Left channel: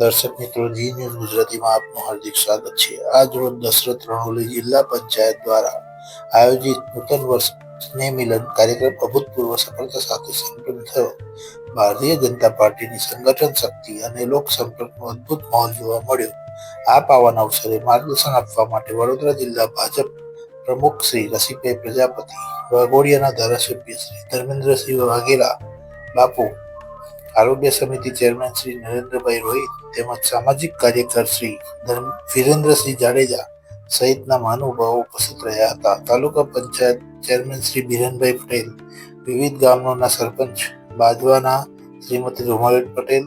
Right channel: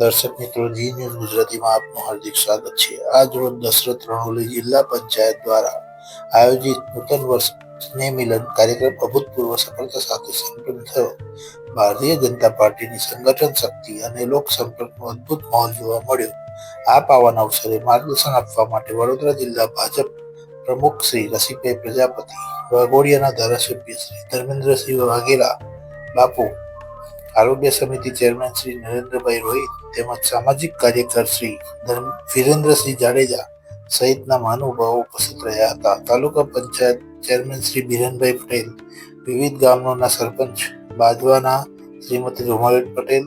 દર્શક મિત્રો જી ન્યૂઝ ગુજરાતીમાં આપનું હાર્દિક સ્વાગત છે. આજ રોજ દશરથ રણોલી જિલ્લા પંચાયત દ્વારા આયોજિત નૂતન વર્ષ સ્નેહ મિલન કાર્યક્રમ અભૂતપૂર્વ સફળતા સાથે સંપન્ન થયો. ભારતીય જનતા પાર્ટીની સંગઠન શક્તિ અને લોક સંપર્કનો અદ્ભુત માહોલ જોવા મળ્યો. આ પાવન અવસરે માર્ગદર્શન આપવા માટે વડોદરા જિલ્લા ભાજપ પ્રમુખ શ્રી રસિકભાઈ પ્રજાપતિ, વાઘોડિયાના ધારાસભ્ય શ્રી ધર્મેન્દ્રસિંહ વાઘેલા, બાપુ આરોગ્ય સમિતિ ચેરમેન શ્રી નરેન્દ્રભાઈ રોહિત તેમજ સામાજિક કાર્યકર શ્રી વિરેન્દ્રસિંહ જાડેજા સહિતના મહાનુભાવો ઉપસ્થિત રહ્યા હતા. તાલુકા પંચાયત ચેરમેન શ્રી બિરેનભાઈ પટેલ, વિવિધ ગામોના સરપંચ બાજવાના શ્રીમતી રૂમાબેન પટેલ,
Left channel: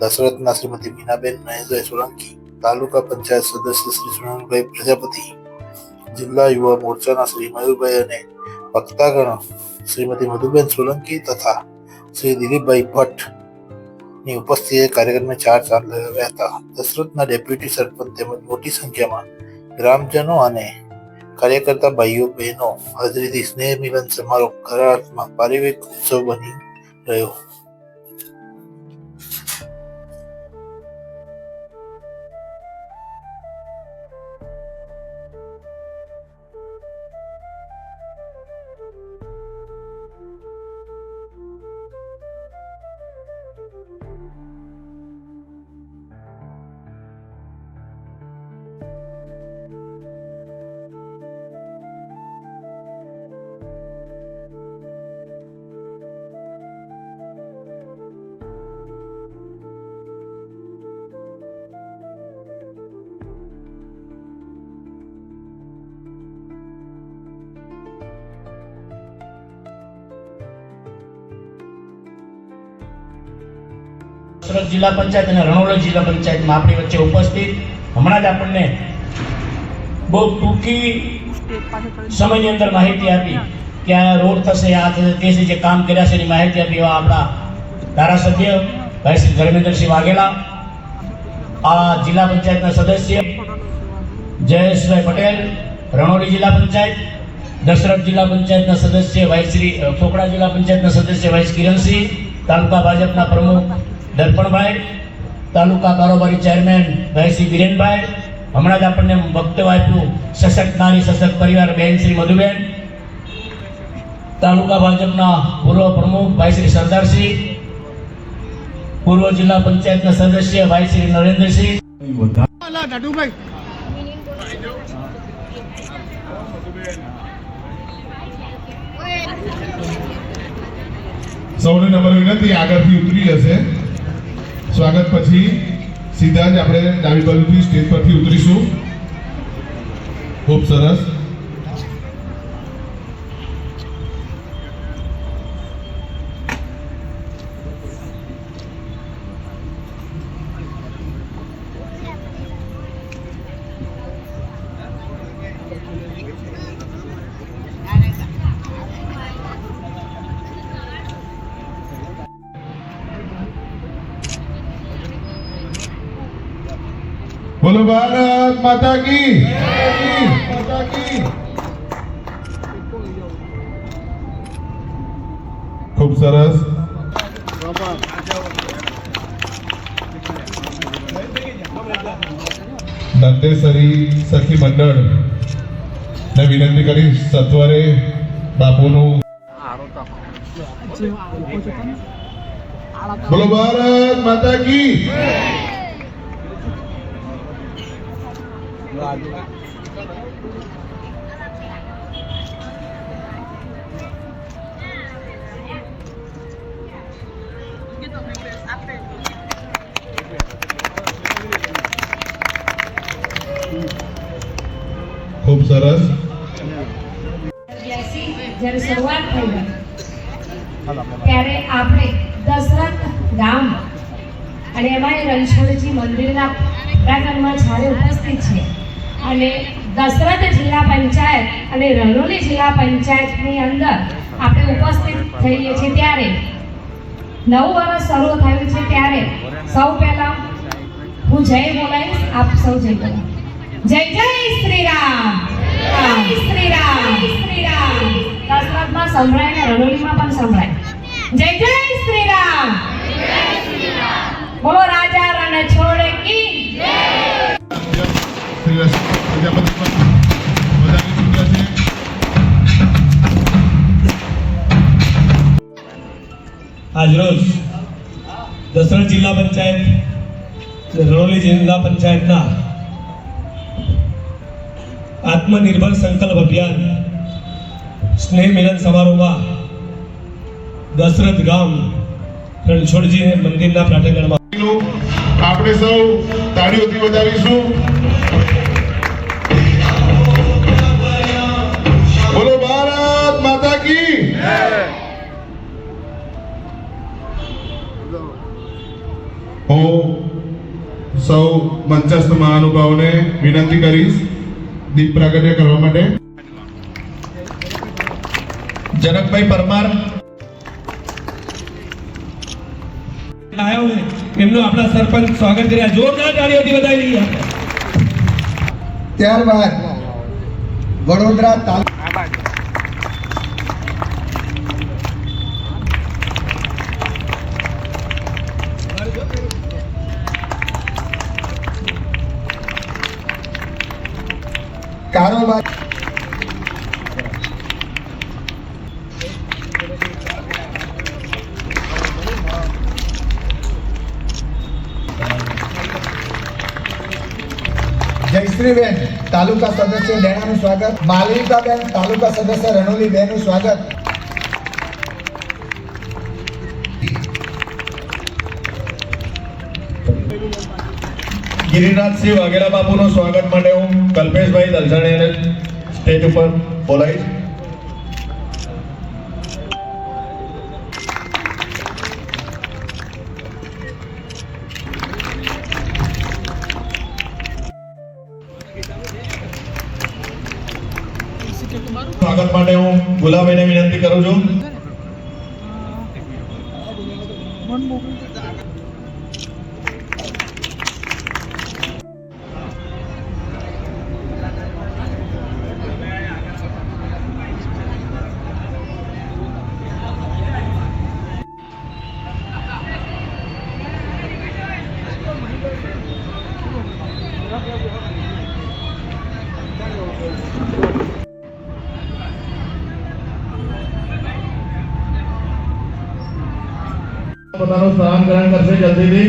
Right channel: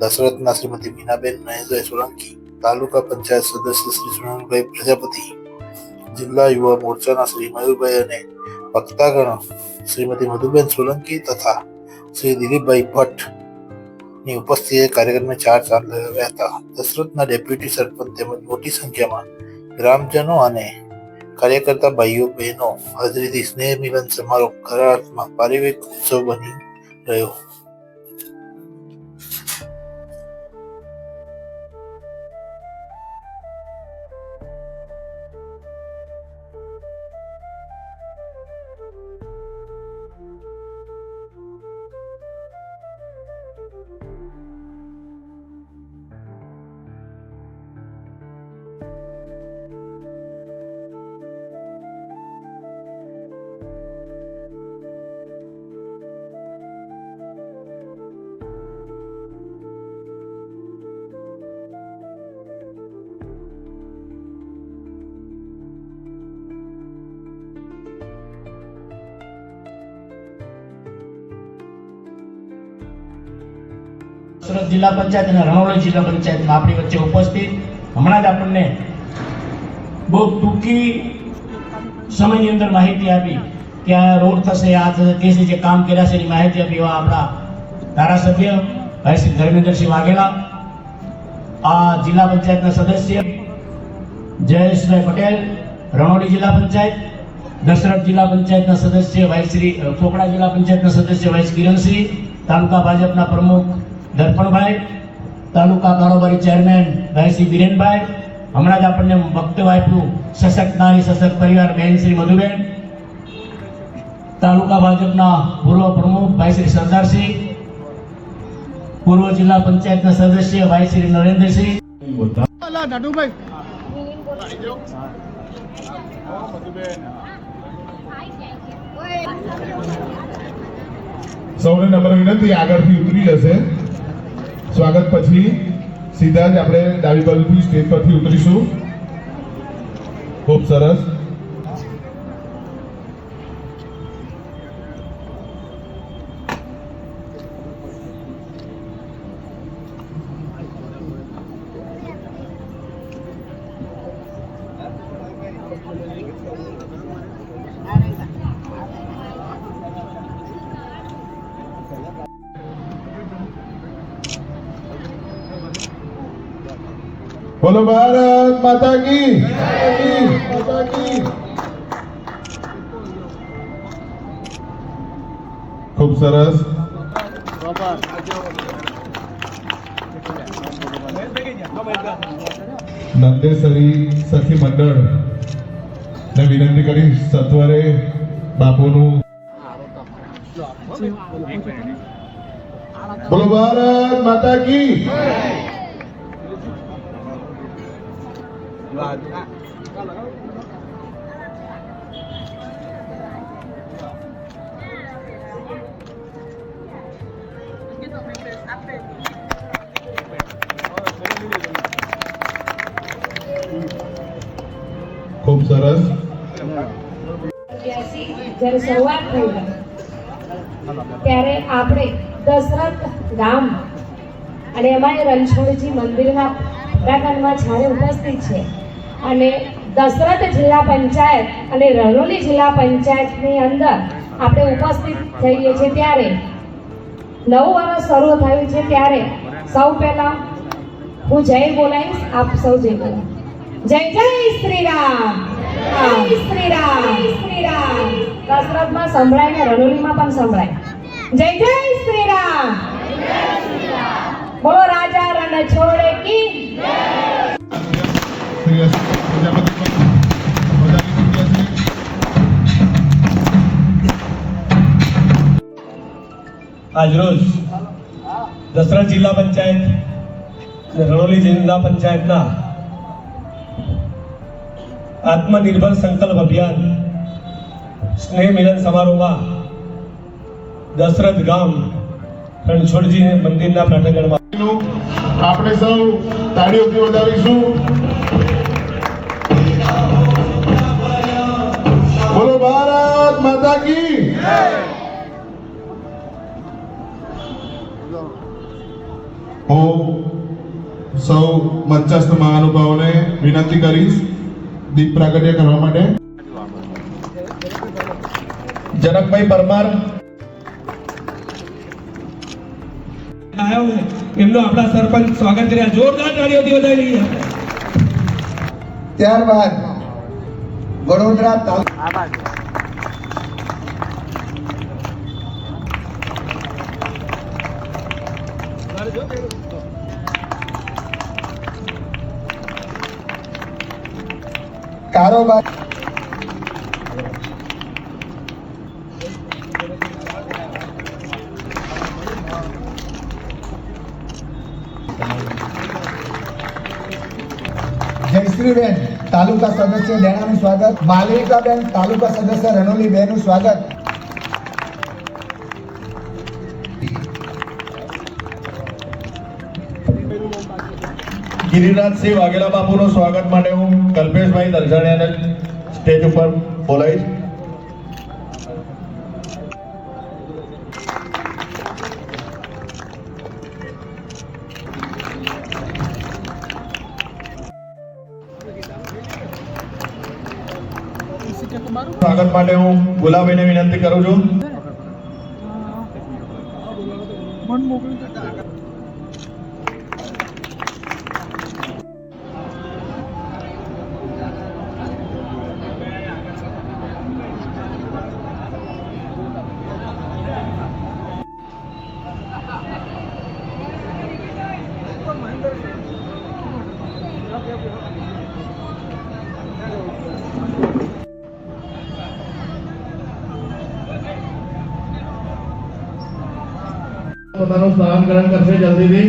દશરથના શ્રીમતી મીનાબેન મહેશભાઈ સોલંકી, તાલુકા પંચાયત સદસ્ય શ્રી સુનંદભાઈ પ્રજાપતિ, જિલ્લા યુવા મોરચાના શ્રી મયુરભાઈ અને વક્તાગણ શ્રીમતી મધુબેન સોલંકી તથા શ્રી દિલીપભાઈ ભટ્ટની ઉપસ્થિતિએ કાર્યક્રમને ચાર ચાંદ લગાવ્યા હતા. દશરથના ડેપ્યુટી સરપંચ તેમજ મોટી સંખ્યામાં ગ્રામજનો અને કાર્યકર્તા ભાઈઓ, બહેનો, હાજરીથી સ્નેહ મિલન સમારોહ ખરા અર્થમાં પારિવારિક ઉત્સવ બની રહ્યો. સુરત જિલ્લા પંચાયત અને રણોલી જિલ્લા પંચાયતમાં આપણી વચ્ચે ઉપસ્થિત. હમણાં જ આપણને બહુ ટૂંકી સમયની અંદર માહિતી આપી કે આ રોડ થશે, આ થશે તે છે જે કામ કર્યા છે એની માહિતી આપી એવા આપણા ધારાસભ્ય ભાઈ શ્રી ધર્મેન્દ્રસિંહ વાઘેલા, આ જિલ્લા પંચાયતના સદસ્ય જયેશભાઈ પટેલ, રણોલી જિલ્લા પંચાયત, દશરથ જિલ્લા પંચાયતના સદસ્ય ભાઈ શ્રી ચોકડા જિલ્લા પંચાયતના સદસ્ય ભાઈ કિરણસિંહ, તાલુકા ભાજપના પ્રમુખ દર્પણભાઈ તાલુકા કારોબારી ચેરમેન ભાઈ શ્રી વિરેનભાઈ હમણાં જ આપણને વક્તવ્ય આપ્યું સશક્ત નારી સશક્ત પરિવાર બેન શ્રી મધુબેન તાલુકા ભાજપના પૂર્વ પ્રમુખ ભાઈ શ્રી સરદારસિંહ પૂર્વ જિલ્લા પંચાયતના સદસ્ય ભાઈ શ્રી નરેન્દ્રસિંહ. દાદુભાઈ. સૌને નંબર વિનંતી આગળથી ઉતરી જશે. સ્વાગત પછી સીધા જ આપણે ડાબી બાજુથી સ્ટેજ પરથી ઉતરીશું. ખૂબ સરસ. બોલો ભારત માતા કી. માતા કી ખૂબ સરસ. નંદેસરી સખી મંડળ. ને વિનંતી કરી સત્વરે બાપુનું. બોલો ભારત માતા કી. ખૂબ સરસ. જ્યારે શરૂઆત થઈ ત્યારે આપણે દશરથ ગામ અને એમાંય રણછોડજી મંદિરના પ્રાંગણમાં જ્યારે ઉપસ્થિત છે અને દશરથ જિલ્લા પંચાયત અને રણોલી જિલ્લા પંચાયતની અંદર આપણે ઉપસ્થિત થઈએ છીએ ત્યારે. નવું વર્ષ શરૂ થયું છે ત્યારે. સૌ પહેલા હું જય બોલાવીશ, આપ સૌ જય બોલો જય જય શ્રી રામ શ્રી રામ શ્રી રામ દશરથમાં સંભળાય ને રણોલીમાં પણ સંભળાય. જય જય શ્રી રામ બોલો, રાજા રણછોડ શ્રી પ્રજાપતિ પણ વધારી ચૂક્યા છે. આજરોજ દસરા જિલ્લા પંચાયત રણોલી જિલ્લા પંચાયતના આત્મનિર્ભર સંકલ્પ અભિયાન સ્નેહ મિલન સમારોહમાં દશરથ ગામ રણછોડજી મંદિરના પ્રાંગણમાં આપણે સૌ તાળીઓથી વધાવીશું મંચસ્થ મહાનુભાવોને વિનંતી કરીશ દીપ પ્રાગટ્ય કરવા માટે. જનકભાઈ પરમાર. એમનો આપણા સરપંચ સ્વાગત કર્યા. જોરદાર તાળીઓથી વધાવી લઈએ ત્યારબાદ વડોદરા તાલુકા જયશ્રીબેન તાલુકા સદસ્ય ડેણાનું સ્વાગત. માલવિકાબેન તાલુકા સદસ્ય રણોલી બેનનું સ્વાગત ગિરિરાજસિંહ વાઘેલા બાપુનું સ્વાગત માટે હું કલ્પેશભાઈ દલસાણીયાને સ્ટેજ ઉપર બોલાવીશ. માટે હું ગુલાબભાઈને વિનંતી કરું છું. પોતાનું સ્થાન ગ્રહણ કરશે જલ્દીથી.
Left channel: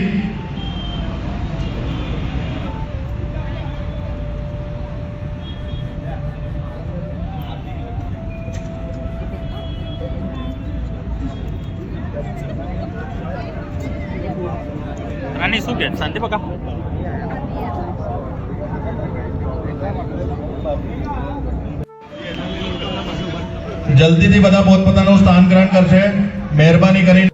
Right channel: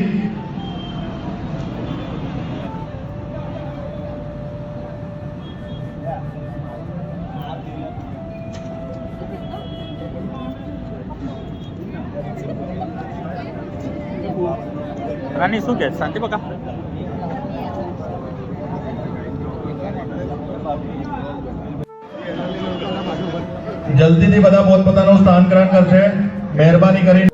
રાની શું કે? શાંતિ બકા? જલ્દીથી બધા પોતપોતાનું સ્થાન ગ્રહણ કરશે. મહેરબાની કરી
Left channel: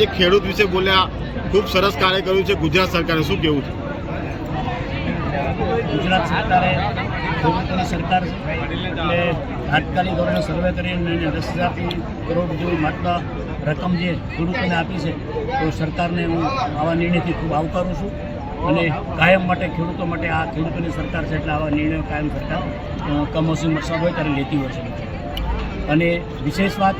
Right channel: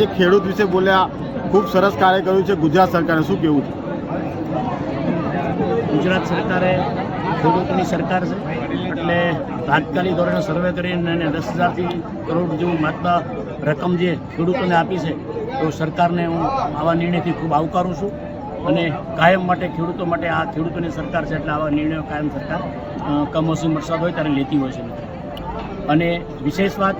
જે ખેડૂત વિશે બોલ્યા, ખૂબ સરસ કાર્ય કર્યું છે ગુજરાત સરકારે. શું કેવું છે? ગુજરાત સરકારે ખેડૂતોની સરકાર છે, એટલે તાત્કાલિક ધોરણે સર્વે કરીને એને દસ હજારથી કરોડ જેવું માત્ર રકમ જે ખેડૂતોને આપી છે, તો સરકારને હું આવા નિર્ણયથી ખૂબ આવકારું છું અને કાયમ માટે ખેડૂતો માટે આ ખેડૂતોની સરકાર છે, એટલે આવા નિર્ણયો કાયમ સરકાર કમોસમી વરસાદ હોય ત્યારે લેતી હોય છે. અને વિશેષ વાત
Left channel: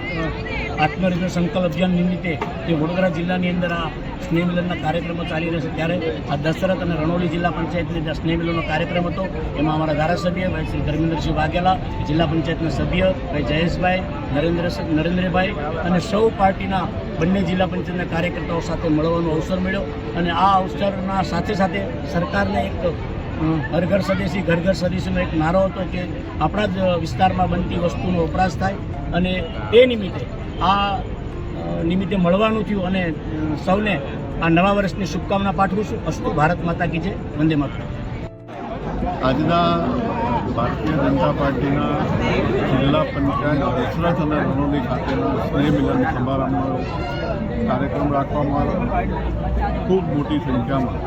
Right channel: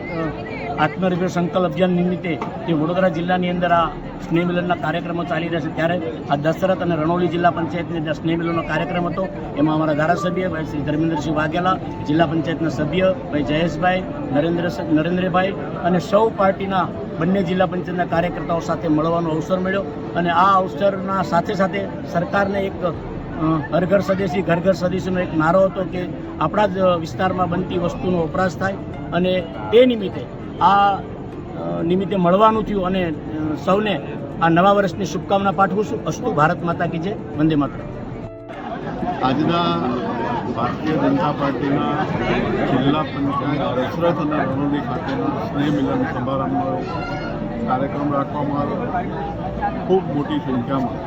આત્મનિર્ભર સંકલ્પ અભિયાન નિમિત્તે જે વડોદરા જિલ્લાની અંદર આ સ્નેહ મિલનના કાર્યક્રમો ચાલી રહ્યા છે. ત્યારે આ દશરથ અને રણોલી જિલ્લા પંચાયતની અંદર સ્નેહ મિલનનો કાર્યક્રમ હતો. એમાં અમારા ધારાસભ્ય ભાઈ શ્રી ધર્મેન્દ્રસિંહ વાઘેલા, જિલ્લા પંચાયતના સભ્ય ભાઈ જયેશભાઈ, નરેન્દ્ર નરેન્દ્રભાઈ અને સૌ પાર્ટીના બંને જિલ્લા પંચાયતના કાર્યકર્તાઓ સાથે મળવાનો અવસર મળ્યો. અને આ અવસરના સાથે સાથે સરકારને એક હર ઘર સ્વદેશી ઘર ઘર સ્વદેશીનો એક નારો હતો કે આપણા જ વિસ્તારમાં બનતી વસ્તુનો વપરાશ થાય. અને તે નિમિત્તે આ નિમિત્તે મળવાનું થયું અને સૌને આ નવા વર્ષની શુભકામના પાઠવું છું. અસ્તુ ભારત માતા કી જય. વંદે માતરમ. આજના ભારતીય જનતા પાર્ટીના જિલ્લા પંચાયત દશરથ અને રણોલી ખાતેના સ્નેહ મિલન સમારંભનો કાર્યક્રમ રાખવામાં આવ્યો. ખૂબ મોટી સંખ્યામાં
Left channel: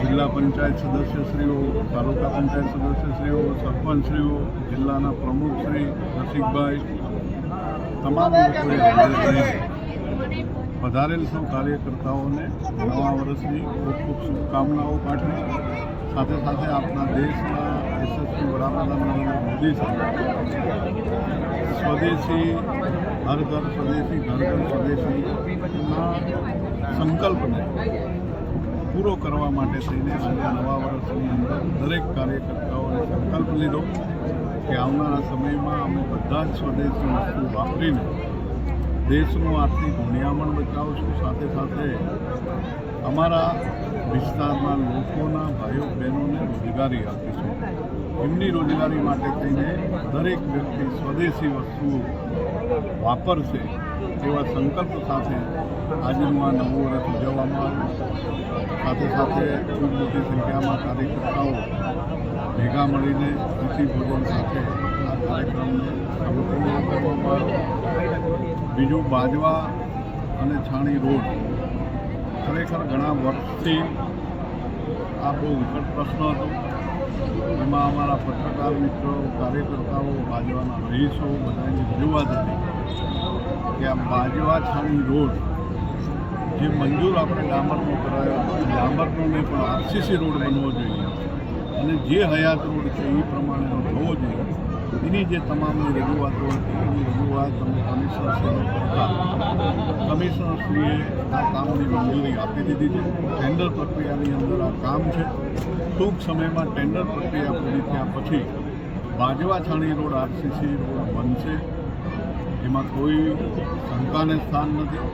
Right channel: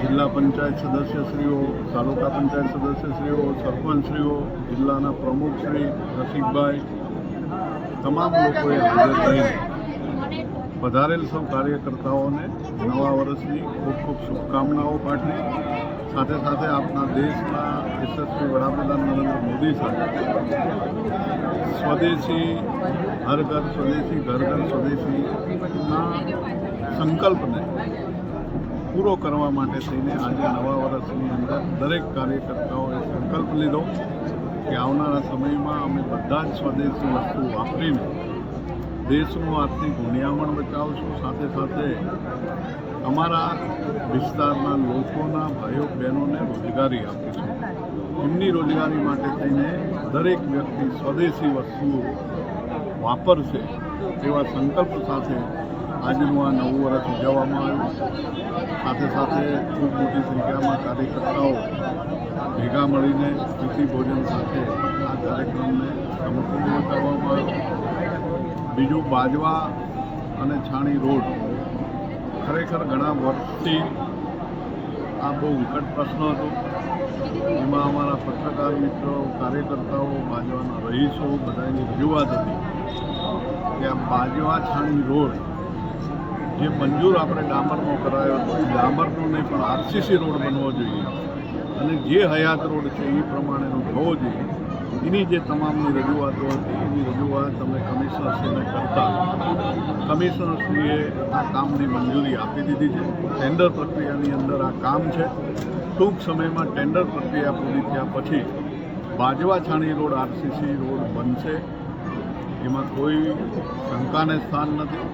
જિલ્લા પંચાયત સદસ્યશ્રીઓ, તાલુકા પંચાયત સદસ્યશ્રીઓ, સરપંચશ્રીઓ, જિલ્લાના પ્રમુખશ્રી રસિકભાઈ તમામ લોકોએ હાજર રહીને વધારેલ સૌ કાર્યકર્તાઓને નવા વર્ષની ખૂબ ખૂબ શુભકામનાઓ પાઠવી. સાથે સાથે આપણા દેશના યશસ્વી વડાપ્રધાન નરેન્દ્ર મોદી સાથે સ્વદેશી હર ઘર સ્વદેશી ઘર ઘર સ્વદેશીના સંકલ્પને પૂરો કરવા માટે થઈને આજે નવા વર્ષની અંદર દરેક કાર્યકર્તાઓએ સંકલ્પ લીધો. કે આવનારા સમયમાં અમે બધા જ સ્વદેશી વસ્તુ વાપરીને દેશનું આર્થિક ગુણિયામણ બચાવશું. સાથે સાથે અમારા વિસ્તારના લોકોના ભાઈઓ, બહેનોને રોજગારી આપીશું. એમની રોજગારી માટે થઈને દરેક વ્યક્તિ સ્વદેશી વસ્તુઓ વાપરશે તેવા સંકલ્પ સાથે આજનું આ નવું વર્ષ ઉજવવામાં આવ્યું. સાથે સાથે ખૂબ મોટી સંખ્યામાં કાર્યકર્તાઓ ભેગા મળીને પ્રીતિ ભોજન સાથે આ કાર્યક્રમને સંપૂર્ણ કરવામાં આવ્યો. બીજું બાજવા અને છાણી રોડ. ખરેખર ઘણા વર્ષથી આ બહુ વિકટ પ્રશ્ન હતો. એમાં અમારા પત્રકાર મિત્રો, કાર્યકર્તાઓ, બાજવાના રહીશો બધાની રજૂઆત હતી કે આ બાજવા છાણી રોડ જે મંજૂર આપણે ડામરનો કરાયો હતો. એ ડામરનો નહીં પણ આરસીસી રોડ બનવો જોઈએ. અને જે હયાત રોડ છે એ પ્રમાણેનો થવો જોઈએ એની જે તમામની રજૂઆતો હતી, એની રજૂઆત અમે કમિશનરશ્રીને કરતા. કમિશનરશ્રીએ આ કામની મંજૂરી આપી દીધી છે. ટેન્ડર પ્રક્રિયાની અંદર આ કામ છે. ટૂંક સમયમાં ટેન્ડર પ્રક્રિયા પૂરી થયા પછી Bajwa Chhani road, RCC road બનશે. એમાં કોઈ શંકાને સ્થાન નથી.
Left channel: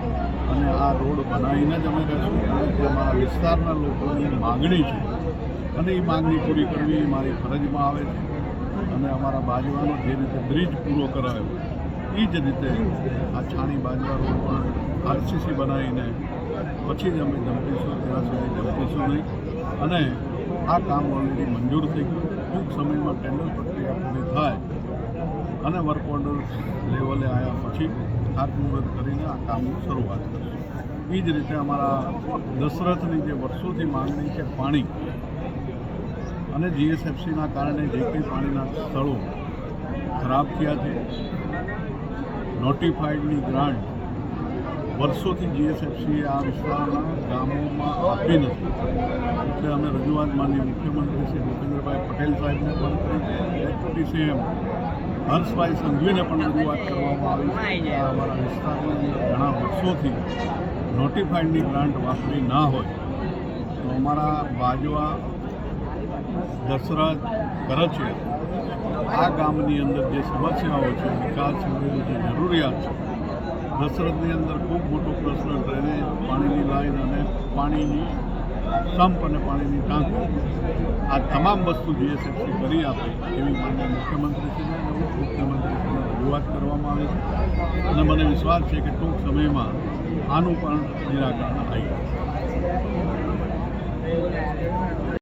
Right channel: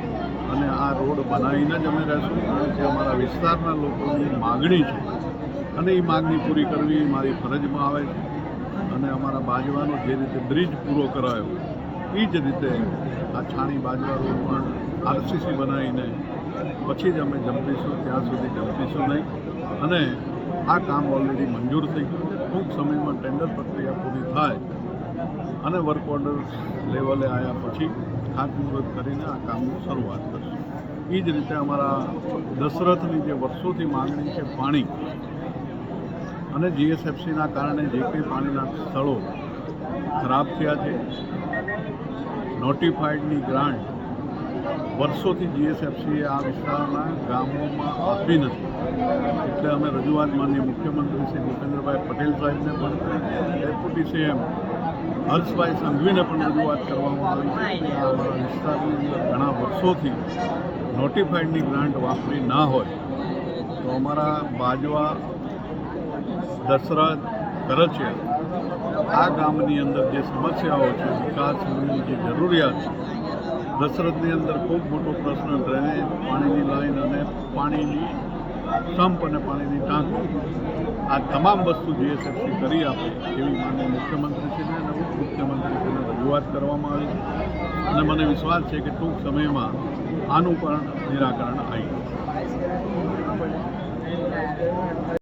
અને આ રોડ બનાવીને જ અમે રહેશું, કારણ કે અમારા વિસ્તારના લોકોની માગણી છે અને એ માગણી પૂરી કરવી એ મારી ફરજમાં આવે છે. અને અમારા બાજવાનો જે રીતે બ્રિજ પૂરો કરાયો, એ જ રીતે આ છાણી બાજવા રોડ પણ આરસીસી બનાવીને પછી જ અમે જંપીશું, ત્યાં સુધી જંપીશું નહીં. અને આ કામ ઓલરેડી મંજૂર થઈ ટૂંક સમયમાં ટેન્ડર પ્રક્રિયા પૂરી થાય અને વર્ક ઓર્ડર લેવલે આવ્યા પછી ખાતમુહૂર્ત કરીને આ કામની શરૂઆત કરશું. એ જ રીતે અમારા દશરથની જે વર્ષોથી માંગણી છે પાણી અને જીએસએફસીના કારણે જે કંઈ પાણીના સ્થળો ખરાબ થયા છે, નોટિફાઈડની ગ્રાન્ટ વર્ષોથી જીએસએફસીએ આ વિસ્તારના ગામોમાં આપી નથી. એટલે અમે રજૂઆત માનીય મુખ્યમંત્રી શ્રી ભૂપેન્દ્રભાઈ પટેલ સાહેબને પણ કરી, ડેપ્યુટી સીએમ હર્ષભાઈ સંઘવીને પણ રજૂઆત કરવામાં આવી છે કે આ અમારા વિસ્તારની અંદર ઘણા વર્ષોથી નોટિફાઈડની ગ્રાન્ટ વાપરી ના હોય. તો અમારા બાજવા દશરથ કરચિયા આ ગામની અંદર જે સમસ્યાઓ છે, વિકાસની જે જરૂરિયાત છે, દશરથની અંદર ખૂબ મોટો પ્રશ્ન ડ્રેનેજ પાણીની લાઈન અને પાણીની સંપ અને પાણીની ટાંકી. આ તમામ વસ્તુ જીએસએફસી કરી આપે એવી માન્ય મુખ્યમંત્રીશ્રીને અને ઉપમુખ્યમંત્રીશ્રીને રજૂઆત કરવામાં આવી છે. અને મને વિશ્વાસ છે કે ટૂંક સમયમાં આનું પણ નિરાકરણ આવી